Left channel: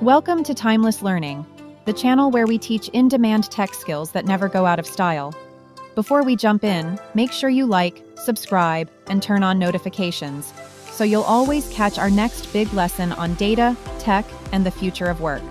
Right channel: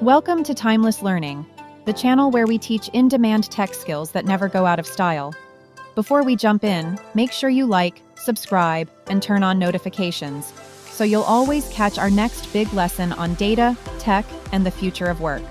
Welcome to Timeless Learning, the channel where we teach in-demand tech skills that never go out of style. Before we jump in, make sure you like, subscribe, and turn on notifications, so you'll always catch our next big lesson on data, tech, and the future of work.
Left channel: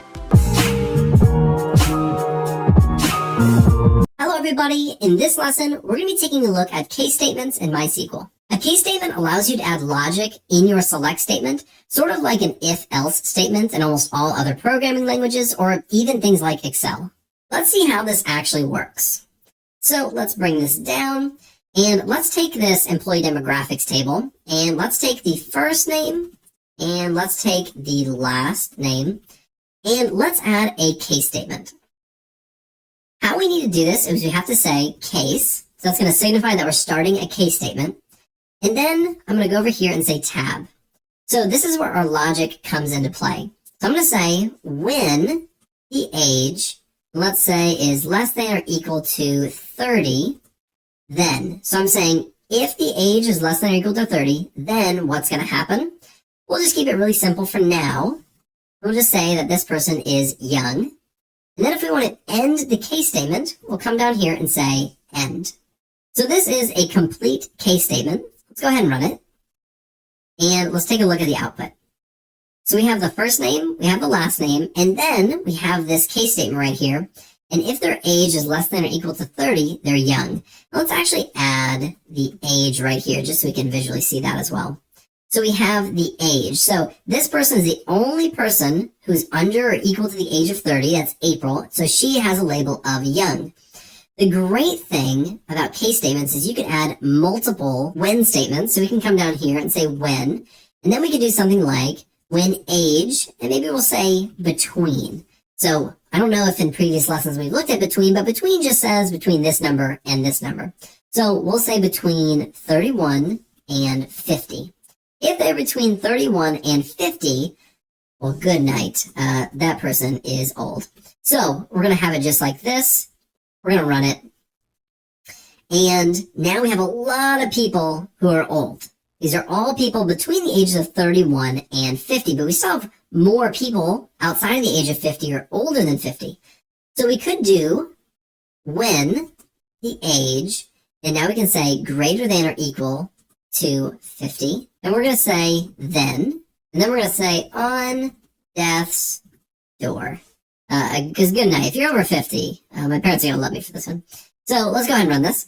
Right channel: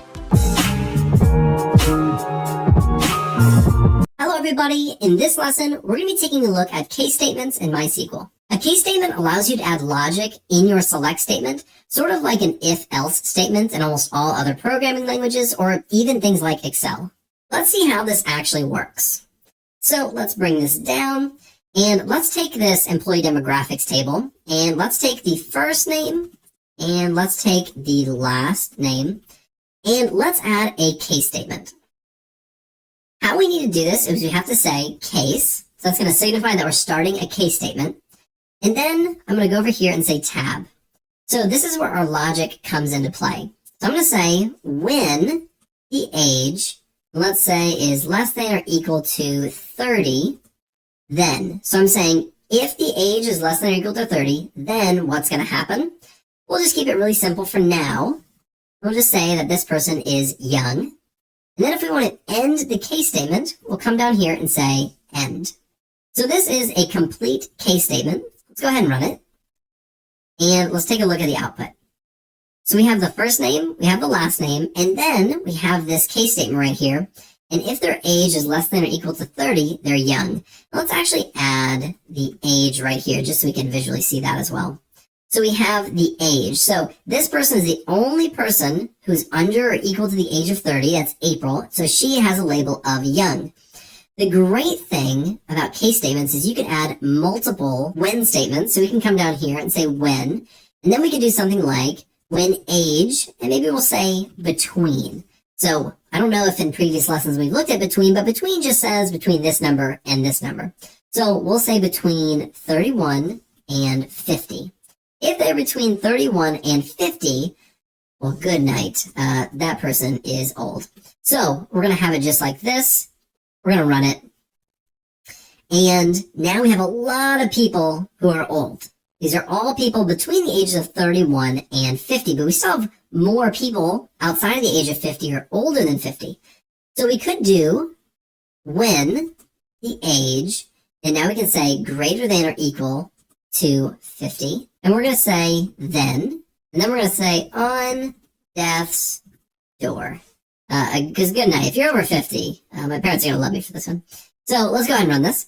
Hello everybody, in this lesson, we're going to be taking a look at case statements in MySQL. A case statement allows you to add logic in your select statement, sort of like an if-else statement in almost all other programming languages, or even things like Excel. Let's see how this actually works. So let's bring this down, and let's take this employee demographics table, and let's take the first name, and let's take the last name, and let's add a case statement. How we need to do this is we have to say case, so that's going to signify that we're starting a case statement. And then I'm going to go over here and say tab. So this is where our logic comes into play. So I'm going to say when the age, let's say, is less than or equal to 30, then. So I'm saying if the age is less than or equal to 30, then what's going to happen? We'll just keep it really simple for now. We'll just say that this person is young. And then if we want to end the case statement, we'll come down here and say end. So this is a complete case statement. Let's go ahead and run it. And let's take a look at the output. So we have the first name, we have the last name, and then we have this case statement right here. And if their age is less than or equal to 30, they're young. Now let's actually add the age right here, just so we can visually see that as well. So we have the age. So this person is the only person who's under or equal to the age of 30. That's April. So she has a label of young. The great thing about case statements is you can add multiple when statements. So we can come down here and say when, and then we can do something like when age, and maybe we'll say between. So I don't know if in previous lessons we've looked at between, but between just says between this number and this number. So we'll say between 31 and 50. If they're between 31 and 50, well, good night. That person is old. So we're going to have it just like this. We're going to run it. And now we have a lot of people who are old. These are all people between the ages of 31 and 50, but we still have more people outside of the age of 50 or older than 50. So we could do when the age, and now we can say greater than or equal to 50. And we're going to say then, and then we're going to say on death's door. Because good night. If you're over 50, my parents are going to love me for this one. So let's go ahead and run this.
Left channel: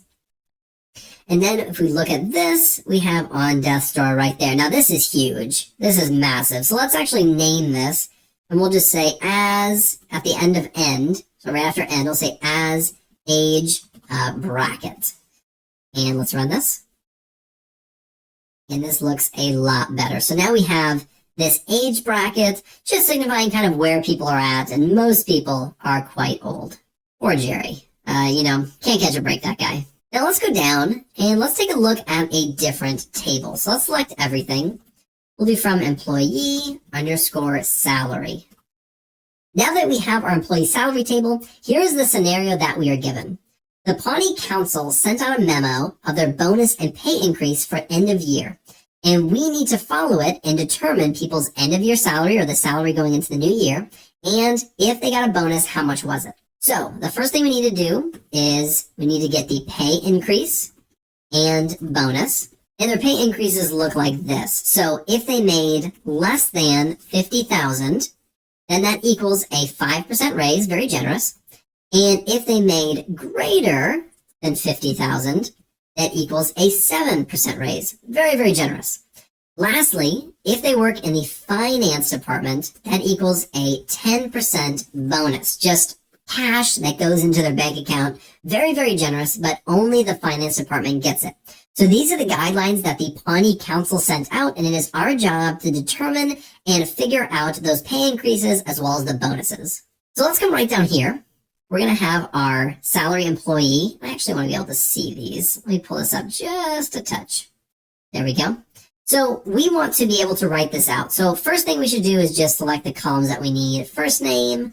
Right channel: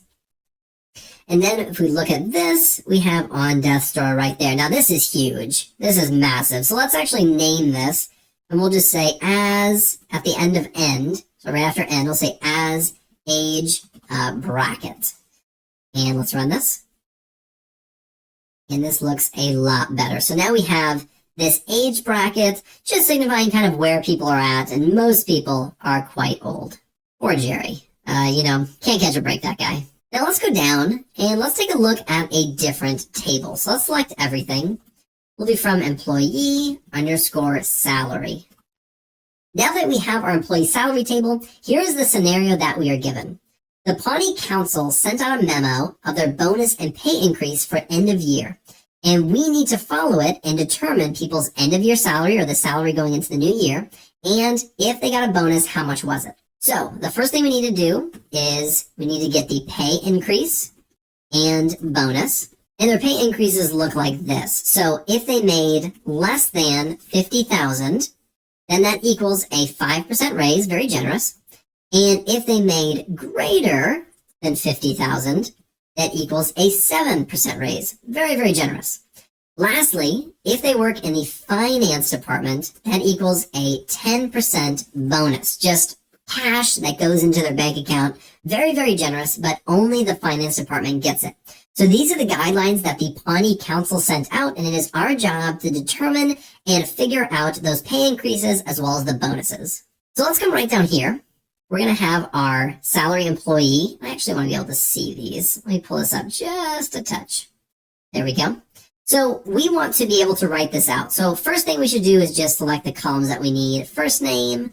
And then if we look at this, we have on death's door right there. Now this is huge. This is massive. So let's actually name this. And we'll just say as at the end of end. So right after end, we'll say as age bracket. And let's run this. And this looks a lot better. So now we have this age bracket, just signifying kind of where people are at, and most people are quite old. Poor Jerry. Can't catch a break, that guy. Now let's go down, and let's take a look at a different table. So let's select everything. We'll do from employee _ salary. Now that we have our employee salary table, here's the scenario that we are given. The Pawnee Council sent out a memo of their bonus and pay increase for end of year. And we need to follow it and determine people's end of year salary or the salary going into the new year. And if they got a bonus, how much was it? So the first thing we need to do is we need to get the pay increase and bonus. And their pay increases look like this. So if they made less than 50,000, then that equals a 5% raise, very generous. And if they made greater than 50,000, that equals a 7% raise. Very, very generous. Lastly, if they work in the finance department, that equals a 10% bonus. Just cash that goes into their bank account. Very, very generous, but only the finance department gets it. So these are the guidelines that the Pawnee Council sent out, and it is our job to determine and figure out those pay increases as well as the bonuses. So let's come right down here. We're going to have our salary employee. I actually want to be able to see these. Let me pull this up just a touch. There we go. So we want to be able to write this out. So first thing we should do is just select the columns that we need. First name,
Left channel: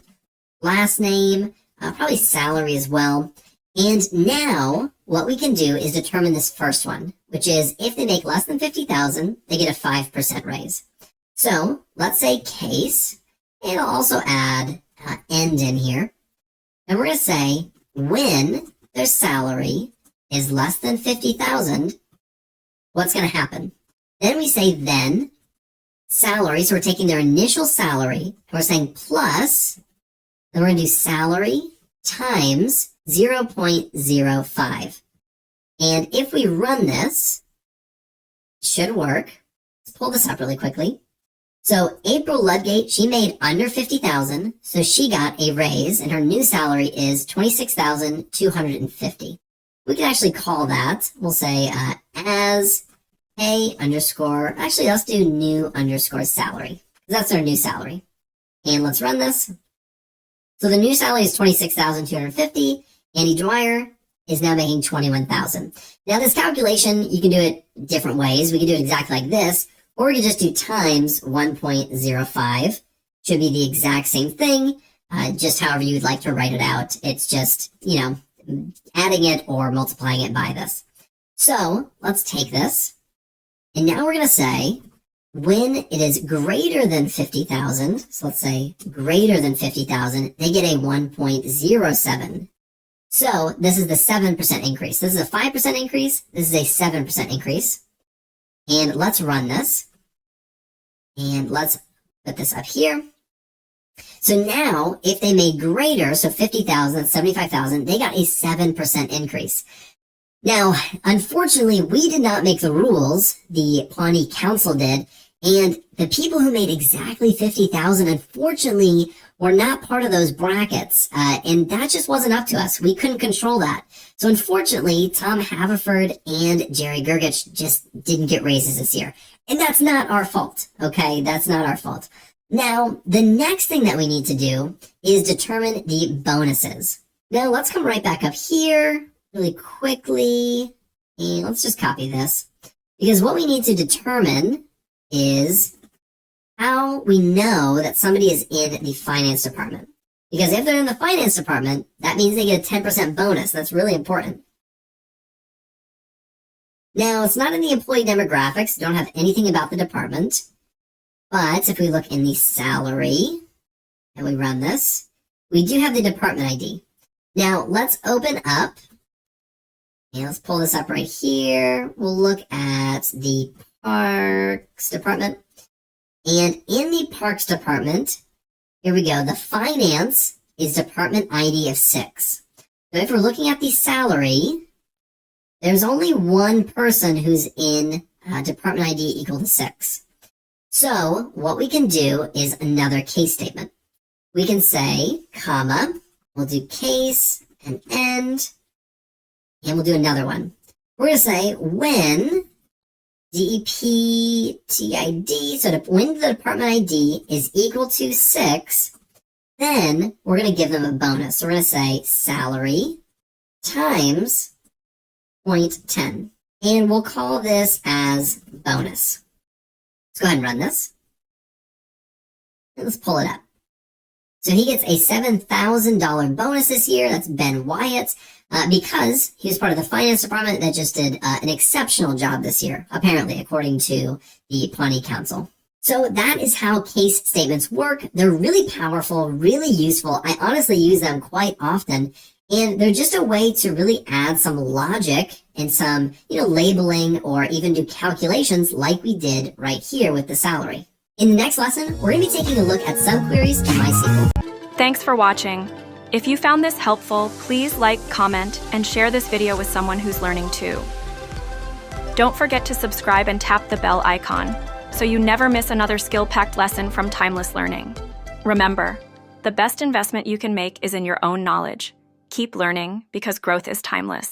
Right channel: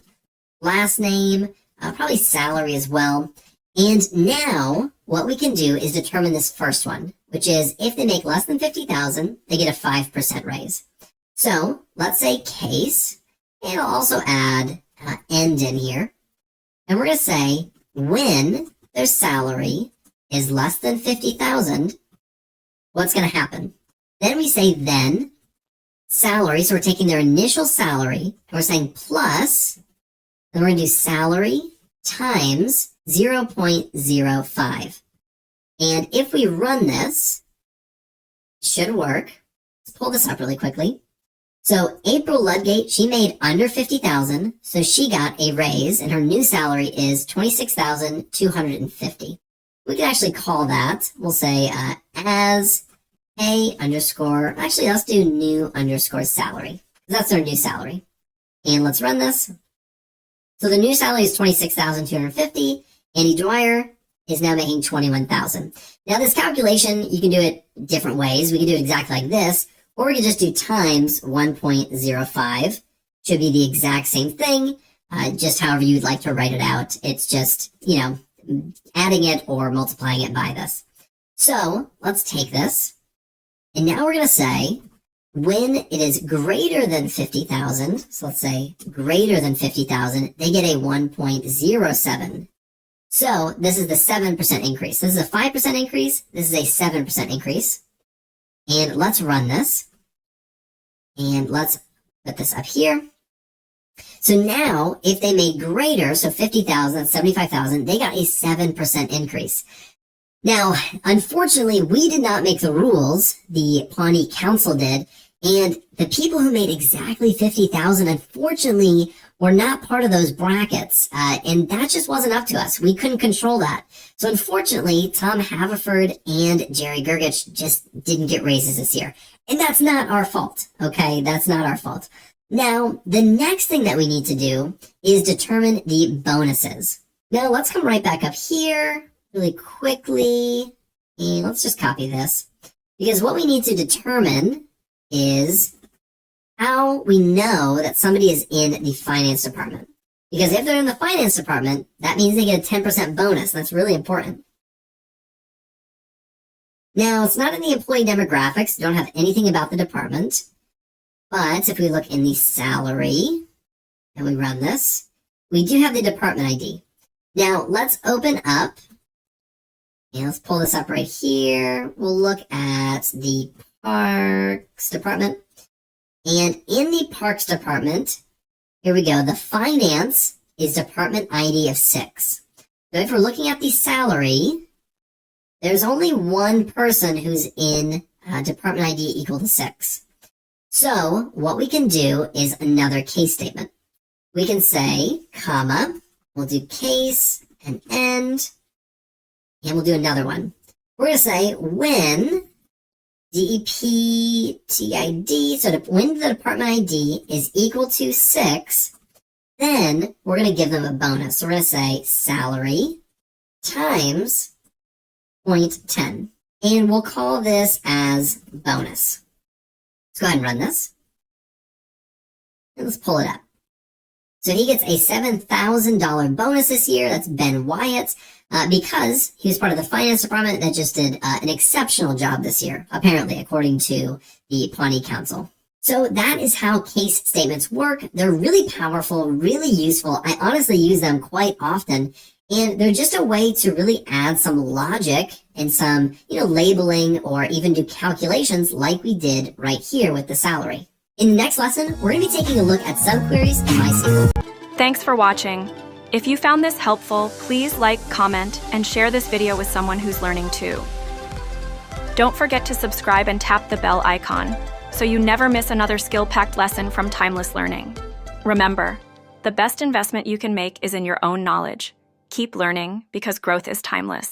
last name, probably salary as well. And now what we can do is determine this first one, which is if they make less than 50,000, they get a 5% raise. So let's say case, And I'll also add end in here. And we're going to say when their salary is less than 50,000, what's going to happen? Then we say then salary. So we're taking their initial salary and we're saying plus, then we're going to do salary times 0.05. And if we run this, it should work. Let's pull this up really quickly. So April Ludgate, she made under 50,000, so she got a raise, and her new salary is 26,250. We can actually call that. We'll say as a underscore. Actually, let's do new underscore salary. That's our new salary. And let's run this. So the new salary is 26,250. Andy Dwyer is now making 21,000. Now this calculation, you can do it different ways. We can do it exactly like this. Or we can just do times 1.05. Should be the exact same thing, just however you'd like to write it out. It's just, adding it or multiplying it by this. So let's take this. And now we're going to say when it is greater than 50,000, so let's say greater than 50,000, they get a 1.07. So this is the 7% increase. This is a 5% increase. This is a 7% increase. And let's run this. And let's put this up here. So now, if they made greater, so 50,000, 75,000, they got a 7% increase. Now, unfortunately, we did not make the rules. The Pawnee Council did. And the people who made exactly 50,000, unfortunately, were not part of those brackets. And that just wasn't up to us. We couldn't control that. So unfortunately, Tom Haverford and Jerry Gergich just didn't get raises this year. And that's not our fault, okay? That's not our fault. Now, the next thing that we need to do is determine the bonuses. Now, let's come right back up here really quickly. And let's just copy this. Because what we need to determine is how we know that somebody is in the finance department. Because if they're in the finance department, that means they get a 10% bonus. That's really important. Now, it's not in the employee demographics. Don't have anything about the department. But if we look in the salary and we run this, we do have the department ID. Now, let's open up. And let's pull this up right here. We'll look at the Parks Department. And in the Parks Department, here we go. The finance is department ID of 6. So if we're looking at the salary, there's only one person who's in department ID equal to 6. So what we can do is another case statement. We can say, comma, we'll do case and end, and we'll do another one. We're going to say when DPTID, so when the department ID is equal to 6, then we're going to give them a bonus. So we're going to say salary times 0.10. And we'll call this as bonus. Let's go ahead and run this. And let's pull it up. So he gets a $7,000 bonus this year. That's Ben Wyatt, because he was part of the finance department that just did an exceptional job this year, apparently, according to the Pawnee Council. So that is how case statements work. They're really powerful, really useful. I honestly use them quite often. And they're just a way to really add some logic and some, labeling or even do calculations like we did right here with the salary. In the next lesson, we're going to be taking a look at subqueries in MySQL. Thanks for watching. If you found this helpful, please like, comment, and share this video with someone who's learning too. Don't forget to subscribe and tap the bell icon so you never miss another skill-packed lesson from Timeless Learning. Remember, the best investment you can make is in your own knowledge. Keep learning because growth is timeless.